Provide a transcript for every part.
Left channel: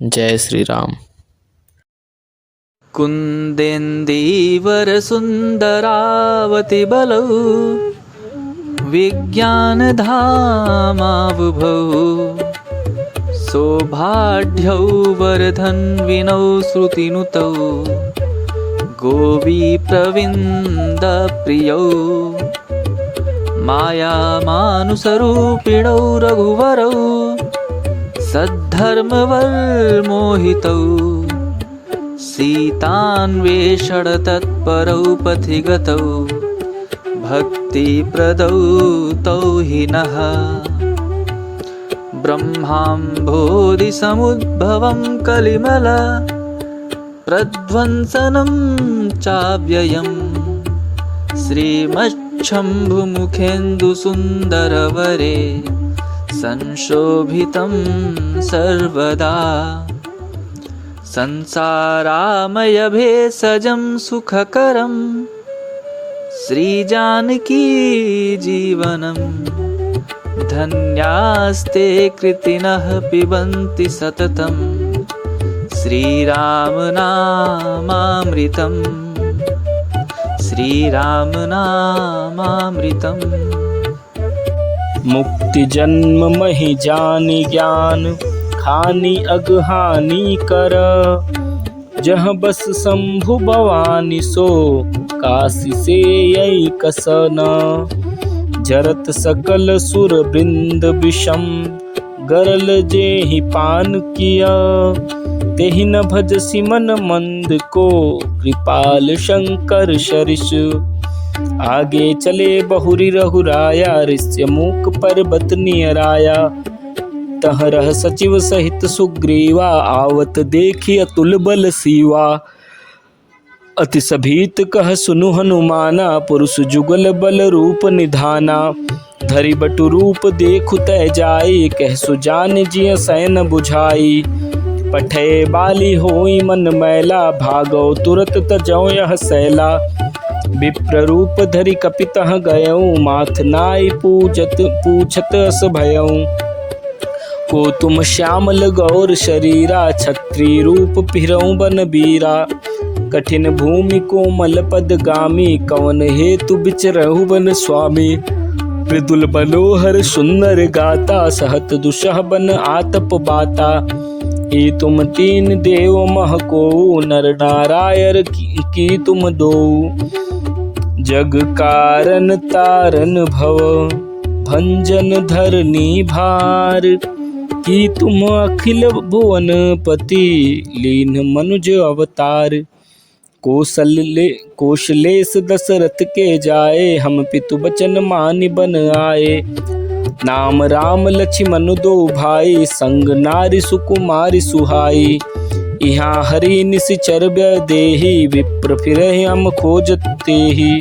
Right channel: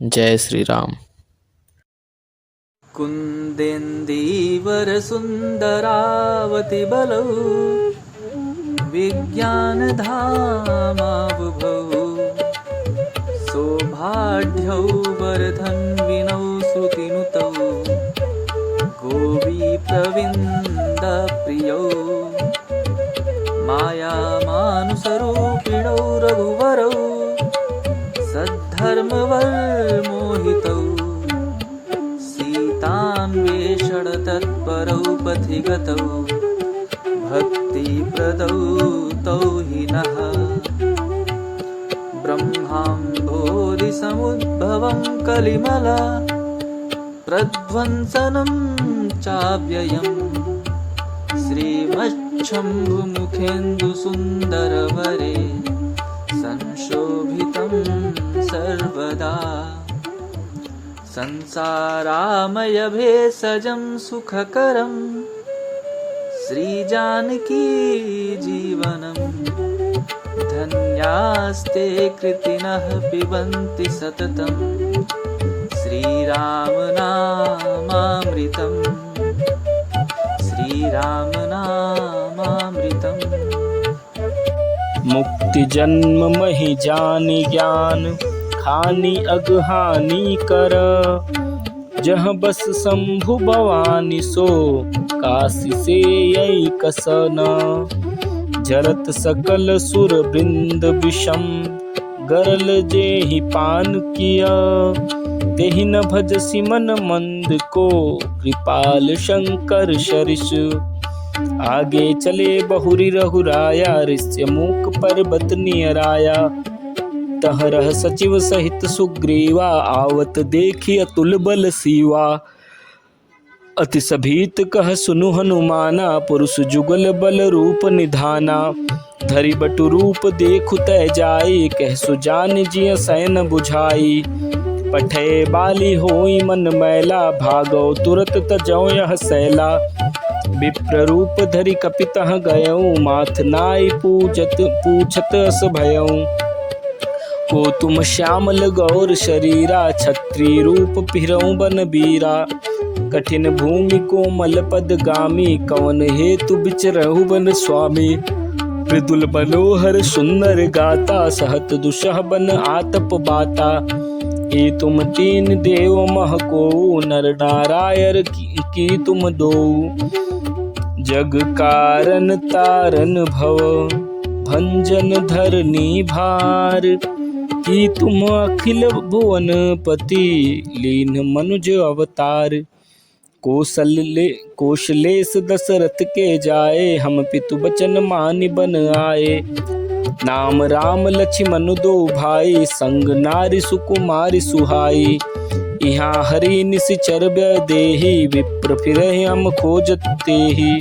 जय श्री राम। कुन्देन्दीवरसुन्दरावतिबलौ विज्ञानधामाबुभौ सौभाढ्यौ वरधन्विनौ श्रुतिनुतौ गोपीप्रविन्दप्रियौ मायामानुसरूपिणौ रघुवरौ सद्धर्मवल्मोहितौ सीतान्वेषणतत्परौ पथिगतौ भक्तिप्रदौ तौ हि नः ब्रह्माम्भोधिसमुद्भवं कलिमला प्रध्वंसनं चाव्ययम् श्रीमच्छम्भुमुखेन्दुसुन्दरवरे संशोभितं सर्वदा संसारामयभेषजं सुखकरं श्रीजानकी जीवनं धन्यास्ते कृतिनः पिबन्ति सततं श्रीरामनामामृतं श्रीरामनामामृतम्। मुक्ति जन्म महि जानि ज्ञान खानी अगहानी कर जह बस शंभु भवानी सो काशी से यही कसन जरत सकल सुर बृंद विषम गरल जेहि पान किया तेहि न भजसि मन मंद को कृपाल शंकर शरिष आगे चले बहुरी रघुराया ऋष्य मूक पर्वत नियराया तह रह सचिव सहित सुग्रीवा आवत देखी अतुल बल सीवा अति सभीत कह सुनु हनुमाना पुरुष जुगल बल रूप निधाना धरि बटु रूप देखु तै जाई कह सुजान जिय सैन बुझाई पठे बाली होई मन मैला भागो तुरत तजौ यह सैला विप्र रूप धरि कपितः गयऊ माथ नाई पूछत अस भयऊ को तुम श्यामल गौर शरीरा छत्री रूप फिरऊ बन बीरा कठिन भूमि कोमल पद गामी कवन हेतु बिचरहु बन स्वामी मृदुल मनोहर सुंदर गाता सहत दुसह बन आतप बाता ए तुम तीन देव मह को नर नारायण की तुम दो जग कारण तारन भव भंजन धरनी भार की तुम अखिल भुवन पति लीन मनुज अवतार कौशलेश दशरथ के जाए हम पितु बचन मानि बन आए नाम राम लक्ष्मण दो भाई संग नारी सुकुमारी सुहाई यहाँ हरि निशिचर देहि विप्र फिरे हम खोजत तेहि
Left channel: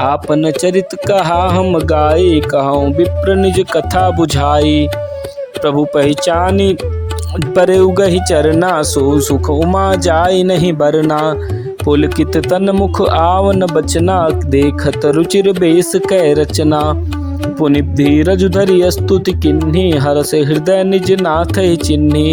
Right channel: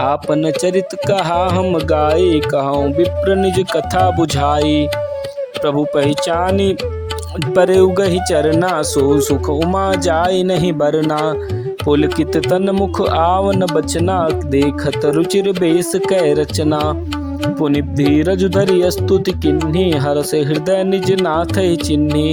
आपन चरित कहा हम गाई कहूँ विप्र निज कथा बुझाई प्रभु पहचानी परे उगहि चरना सो सुख उमा जाय नहीं बरना पुलकित तन मुख आवन बचना देखत रुचिर बेस कै रचना पुनि धीरज धरि स्तुति किन्ही हरष हृदय निज नाथ चिन्ही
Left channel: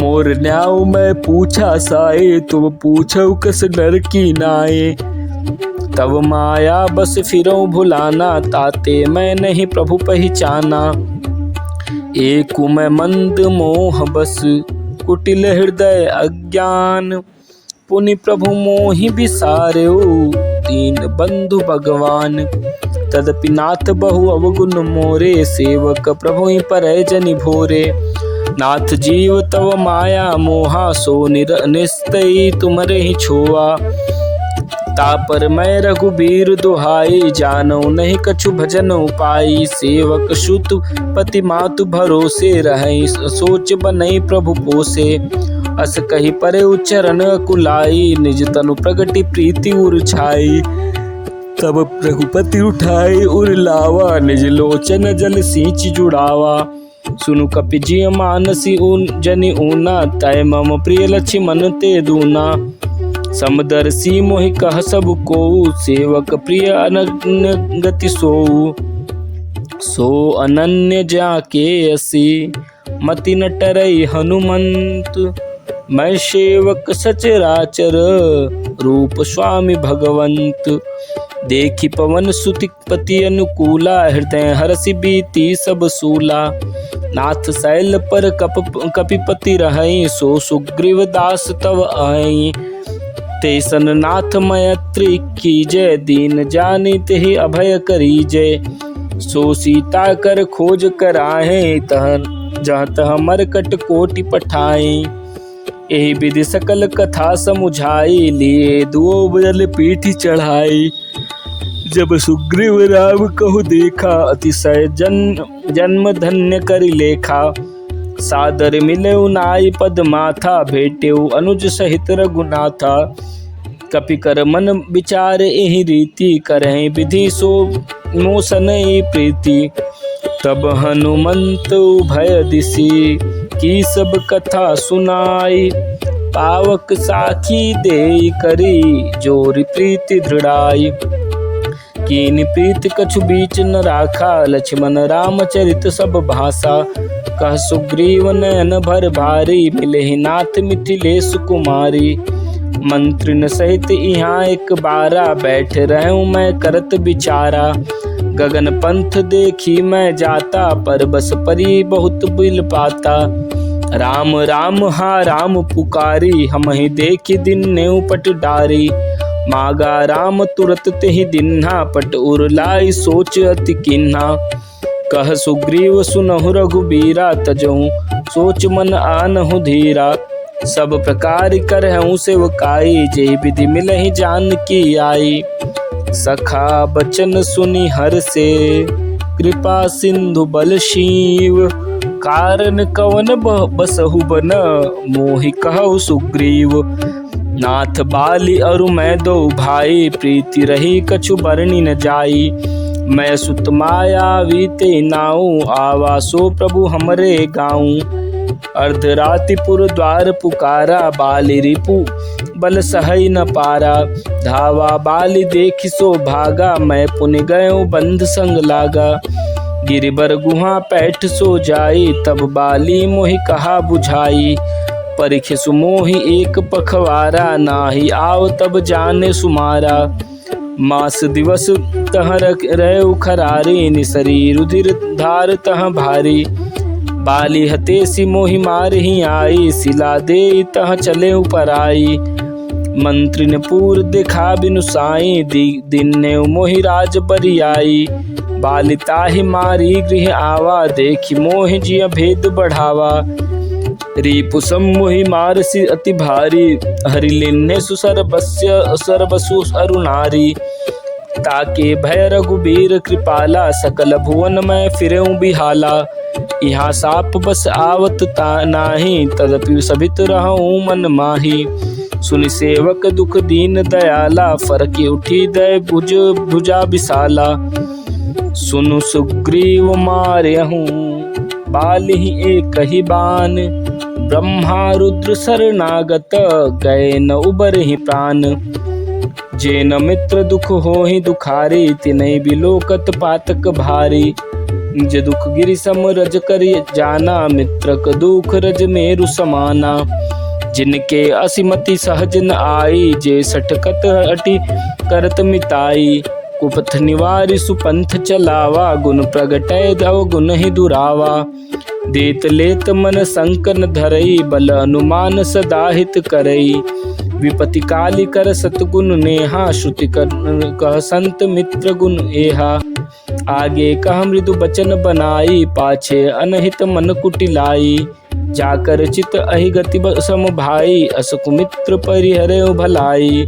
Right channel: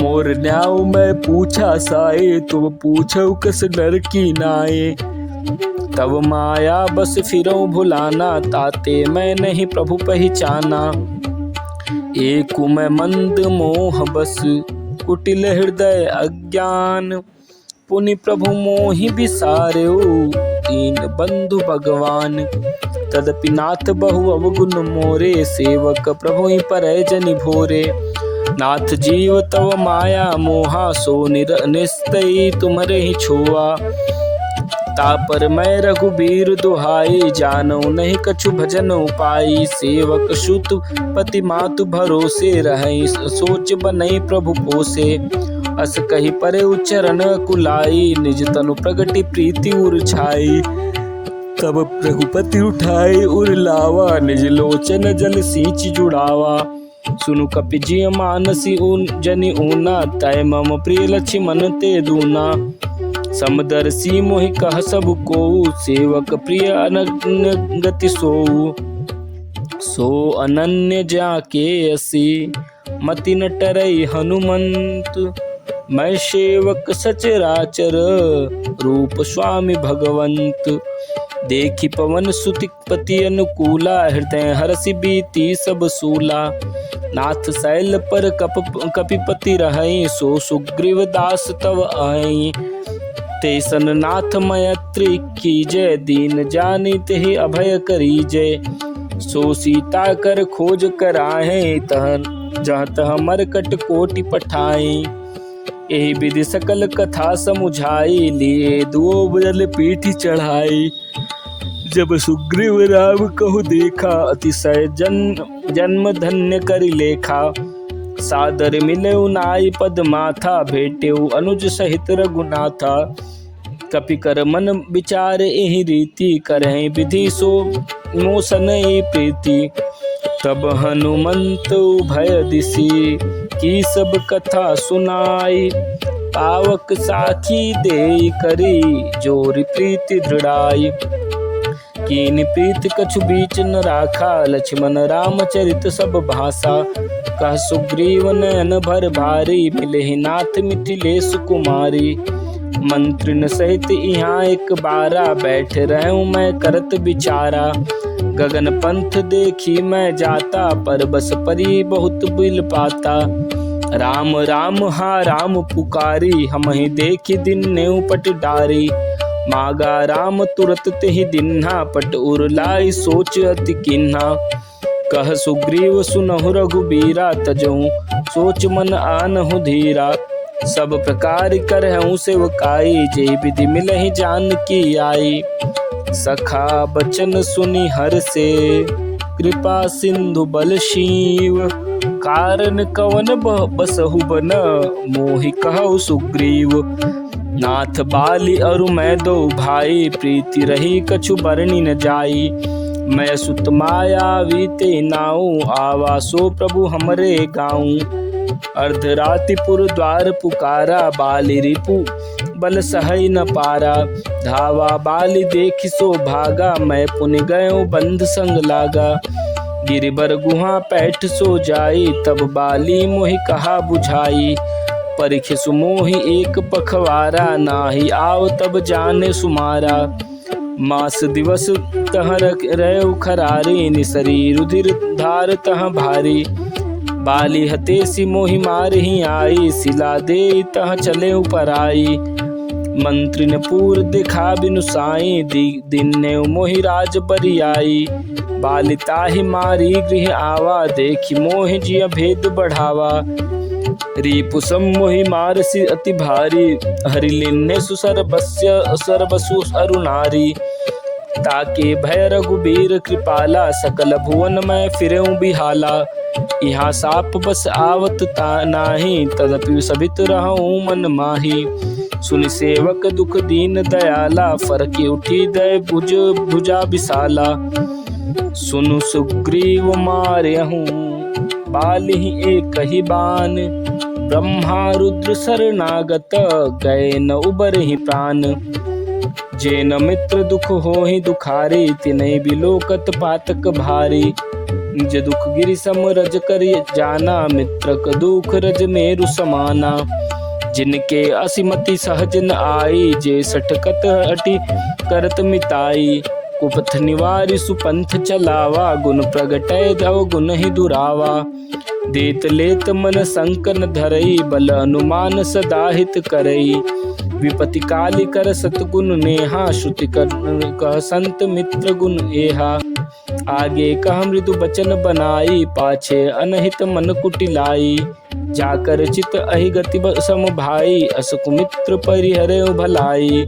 मोर न्याव मैं पूछा साए तुम पूछो कस नर की नाए तब माया बस फिरो भुलाना ताते मैं नहीं प्रभु पहचाना एक मैं मंद मोह बस कुटिल हृदय अज्ञान पुनि प्रभु मोहि बिसार्यो दीन बंधु भगवान तदपि नाथ बहु अवगुण मोरे सेवक प्रभु ही परय जनि भोरे नाथ जीव तव माया मोहा सो निस्तई तुमरे ही छोआ तापर मैं रघुबीर दुहाई जानो नहीं कछु भजन उपाई सेवक सुत पति मातु भरोसे रहे सोच बनई प्रभु पोसे अस कही परे उच्चरण कुलाई निज तनु प्रगति प्रीति उर छाई तब रघुपति उठाए उर लावा निज लोचन जल सींच जुड़ावा सुनु कपि जिय मानसी ऊन जनि ऊना तय मम प्रिय लक्ष्मण ते दूना समदर्शी मोहि कह सब को सेवक प्रिय अनन्य गति सोऊ सो अनन्य जाके असी मति न टरई हनुमंत। मैं सेवक सचराचर रूप स्वामी भगवंत। देखी पवन सुति पति अनुकूला हृदय हरसि बीती सब सूला। नाथ शैल पर कपिपति रहई सो सुग्रीव दास तव आई। तेसन नाथ मैत्री कीजय दीन जानी तेहि अभय करीजय। सो सीता कर खोज कराहे तह जह तह मरकट कोटि पठाए। एहि विधि सकल कथा समुझाई लिए दुओ बल पीठी चढ़ाई। जब सुग्रीव राम कहु देखा अतिशय जन्म धन्य करि लेखा। सादर मिलेउ नाई पद माथा भेटेउ अनुज सहित रघुनाथा। कपि कर मन विचार एहि रीति करहि विधि सो मोसनहि प्रीति। तब हनुमंत भय दिसी की सब कथा सुनाई। पावक साखी देई करी जोरि प्रीति दृढ़ाई। कीन प्रीति कछु बीच न राखा लक्ष्मण राम चरित सब भाषा। कह सुग्रीव नयन भर भारी मिलहि नाथ मिथिलेश कुमारी। मंत्रिन सहित यहाँ एक बारा बैठ रहूं मैं करत विचारा। गगन पंथ देखी मैं जाता पर बस परी बहुत बिल पाता। राम राम हा राम पुकारी हमहि देखी दिन नेउ पट डारी। मागा राम तुरत तेहि दिन्हा पट उरलाई सोच अति किन्हा। कह सुग्रीव सुनहु रघुबीरा तजहु सोच मन आनहु धीरा। सब प्रकार करहु सेवकाई जे विधि मिलहि जानकी आई। सखा बचन सुनि हर से कृपा सिंधु बल शिव। कारण कवन बसहु बन मोहि कहु सुग्रीव। नाथ बाली अरु मैं दो भाई प्रीति रही कछु बरनी न जाई। मैं सुत मायावी ते नाऊ आवासो प्रभु हमरे गाऊं। अर्धरातिपुर द्वार पुकारा बाली रिपु बल सहई न पारा। धावा बाली देखि सो भागा मैं पुनि गयो बंध संग लागा। गिरिबर गुहा पैठ सो जाई तब बाली मोहि कहा बुझाई। परिख सुमोहि एक पखवारा नाही आव तब जाने सुमारा। मास दिवस तह रहे खरारी निसरी रुधिर धार तह भारी। बाली हतेसी मोहि मारहि आई सिला दे तह चले पराई। मंत्री ने पूर देखा बिनु साई दिन ने मोहि राज बरियाई। बाली ताहि मारी गृह आवा देखी मोहि जिया भेद बढ़ावा। रिपु सम्मोहि मारसी अति भारी हरि लिन्ने सरबसु अरुणारी। ताके भय रघुबीर कृपाला सकल भुवन में फिरेऊ बिहाला। यहाँ साप बस आवत नाही तदपि सभित रहूं मन माही। सुनि सेवक दुख दीन दयाला फरकी उठी दय भुजा विशाला। सुनु सुग्रीव मार्यहूं बालिहि एक ही बान। ब्रह्मा रुद्र शरणागत गए न उबरहि प्राण। जे न मित्र दुख होहि दुखारी तिनहि बिलोकत पातक भारी। निज दुख गिरि सम रज कर जाना मित्र क दुख रज मेरु समाना। जिनके असिमति सहज न आई जे सठकत अटि करत मिताई। कुपथ निवारि सुपंथ चलावा गुण प्रगटय दव गुण ही दुरावा। देत लेत मन संकन धरई बल अनुमान सदा हित करई। विपति काली कर सतगुण नेहा श्रुति कह संत मित्र गुण एहा। आगे कह मृदु बचन बनाई पाछे अनहित मन कुटिलाई। जाकर चित अहि गति सम भाई असकु मित्र परिहरे भलाई।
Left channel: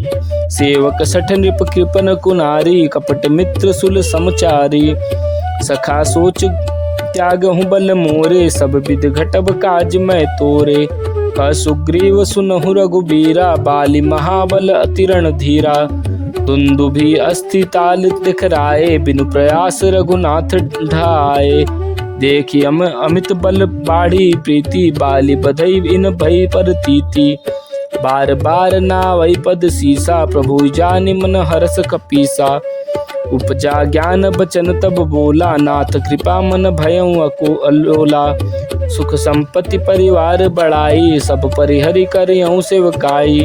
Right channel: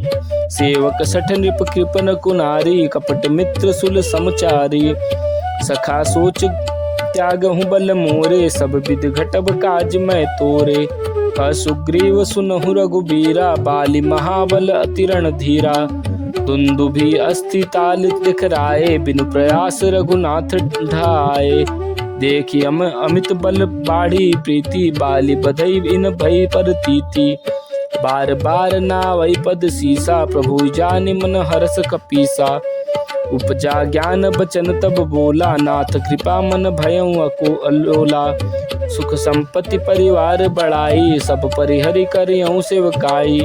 सेवक सठ नृप कृपन कुनारी कपट मित्र सुल समचारी। सखा सोच त्यागहु बल मोरे सब विध घटब काज मैं तोरे। सुग्रीव सुनहु रघुबीरा बाली महाबल अतिरण धीरा। दुंदुभि अस्थि ताल दिखराए बिनु प्रयास रघुनाथ ढाए। देखी अमित बल बाढ़ी प्रीति बाली बधई इन भई पर तीति। बार बार नावई पद सीसा प्रभु जानि मन हरस कपीसा। उपजा ज्ञान बचन तब बोला, नाथ कृपा मन भयउ अको अलोला। सुख संपत्ति परिवार बढ़ाई, सब परिहरि करियउ सेवकाई।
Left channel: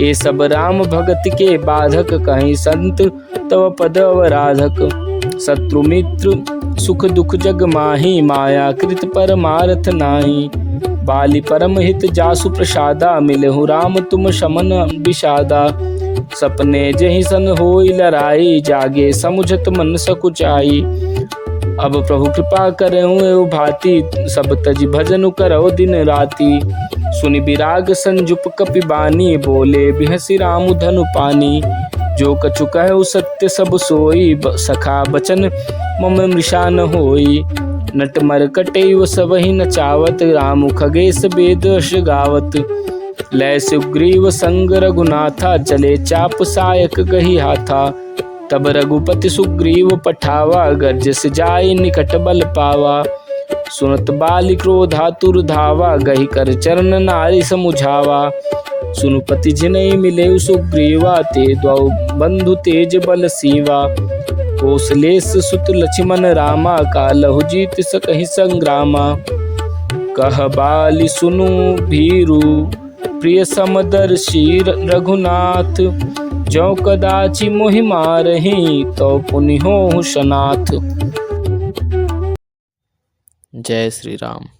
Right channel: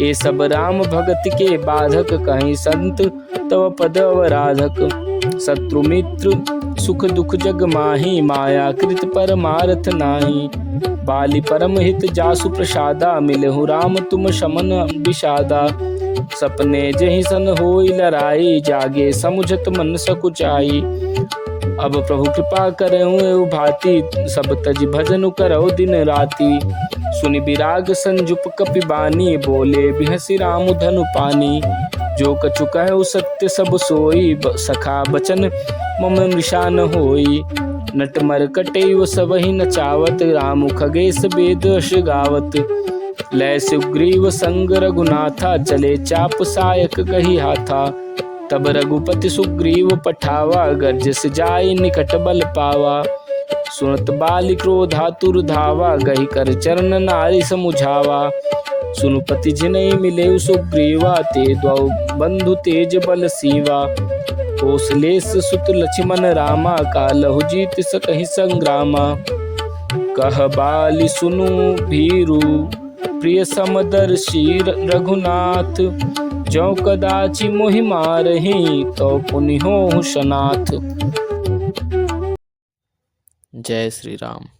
ये सब राम भगत के बाधक, कहीं संत तव पद अवराधक। शत्रु मित्र सुख दुख जग माही, माया कृत परमार्थ नाही। बाली परम हित जासु प्रसादा, मिलहु राम तुम शमन विषादा। सपने जहि सन होई लड़ाई, जागे समुझत मन सकुचाई। अब प्रभु कृपा करहु एउ भांति, सब तज भजन करहु दिन राति। सुनि विराग संजुप कपि बानी, बोले बिहसि राम धनु पानी। जो कछु कहु सत्य सब सोई, सखा बचन मम मृषा न होई। नट मरकटैव सबहि नचावत, राम खगेश वेद गावत। लय सुग्रीव संग रघुनाथा, चले चाप सायक गही हाथा। तब रघुपति सुग्रीव पठावा, गर्जस जाय निकट बल पावा। सुनत बाली क्रोधातुर धावा, गही कर चरण नारी समुझावा। सुनुपति जिनहि मिले सुग्रीवा, ते द्वौ बंधु तेज बल सीवा। कौशलेश सुत लक्ष्मण रामा, कालहु जीत सकहि संग्रामा। कह बाली सुनु भीरु, प्रिय समदर्शी रघुनाथ। जो कदाचि मोहि मारहि, तो पुनि होहु सनाथ। जय श्री राम।